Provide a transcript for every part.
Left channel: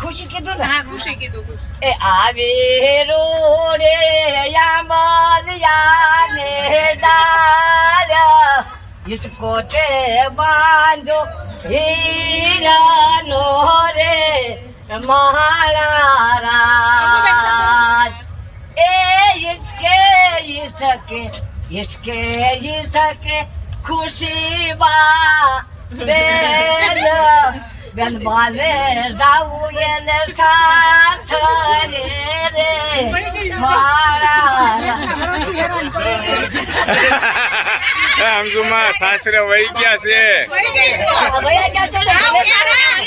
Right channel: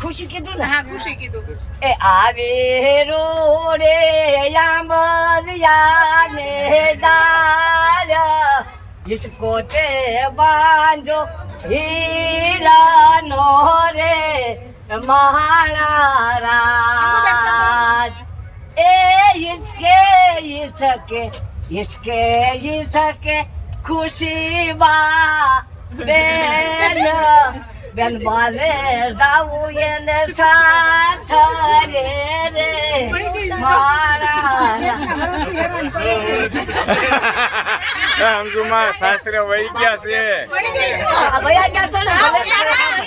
ખુશી કીધું ને? હા ખુશી કીધું. એ આવે રોડે યામરિયા ને ડાલ इसको ते बांधो हीरानो रे महाराज ए इसके खुशी बा બેન બાલે જાવું એને સાથ રે મારા સમજુમાં સાસરે વહી ગયા છે.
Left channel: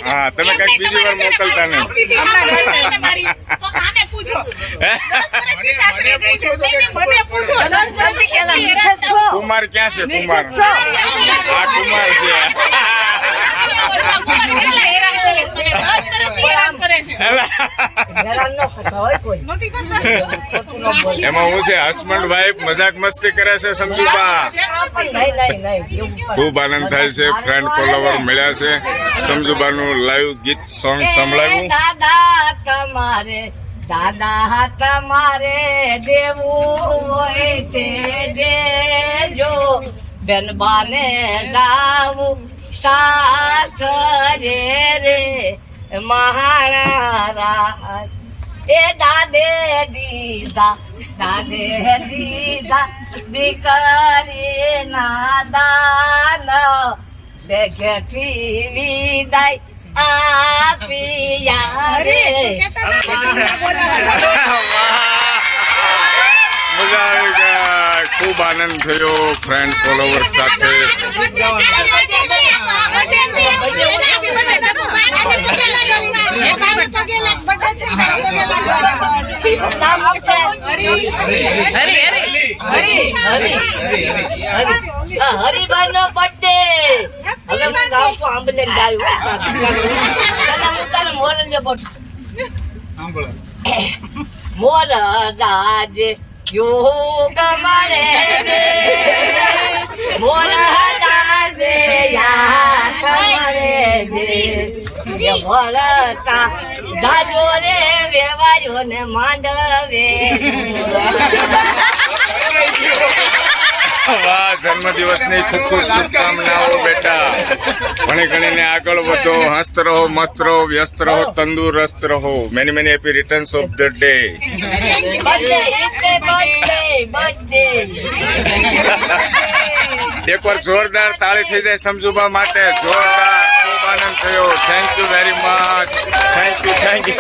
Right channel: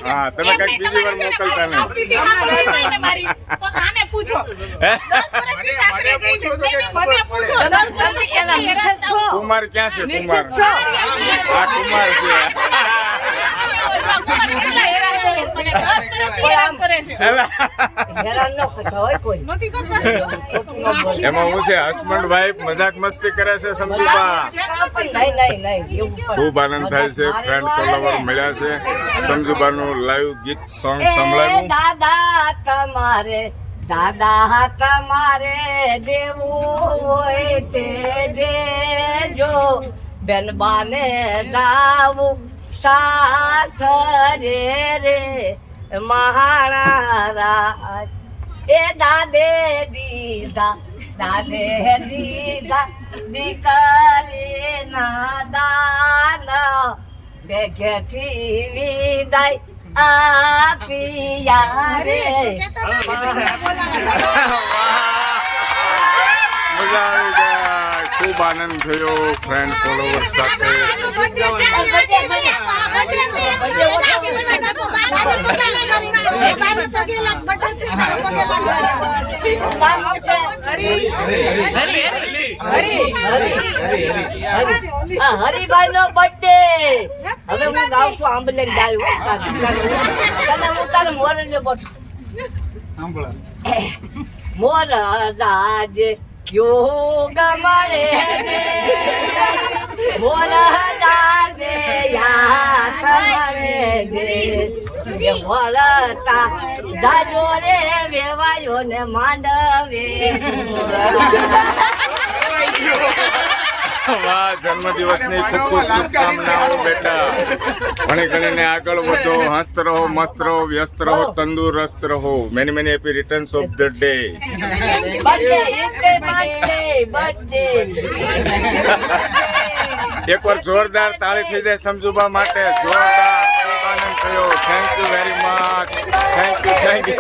હા તમે કઈક બીજી વાર મોકલતા નહીં. કુમાર ક્યાં છે? કુમાર આ કુમાર છે. એમાં હું છે હસબન્ડ વાઈફ મજાક મસ્તી કરે છે સમજુબા. ખૂબ આનંદ થાય છે. ફ્રેન્ડ ફોલોવર મળ્યા છે. સમજુબાનું લાઈવ ગીત સોંગ સંભળાવ્યું. દાદા તમારે દેવું હોય તે દેજો બેન બાને જાવું સાસરે રે મહારાજ એ દાદે દીધા દીકરી ના દાન બેઘેથી વિદાય આપીયા રે. મજા આવી ગયા. ખૂબ આનંદ થયો ફ્રેન્ડ ફોલોવર સાથે. હરિભાઈ નો બર્થડે. હવે હું ગાઉં છું આંબલે મોર દાજે યોગ મળે મોર દાજે યાદ મળે વળતા જાજો રે વેવાયો ને માંડવે. વાહ, જન્મદિવસની ખૂબ ખૂબ શુભકામનાઓ બેટા. ભણી ગણીને આગળ વધો, હસ્ત રહો, મસ્ત રહો, વ્યસ્ત રહો, તંદુરસ્ત રહો. Many many happy returns of the day. એકવાર જોરદાર તાળી થઈ જાય સમજુબા માટે. જોરદાર. ખૂબ આનંદ થયો. Thank you very much. Thank you.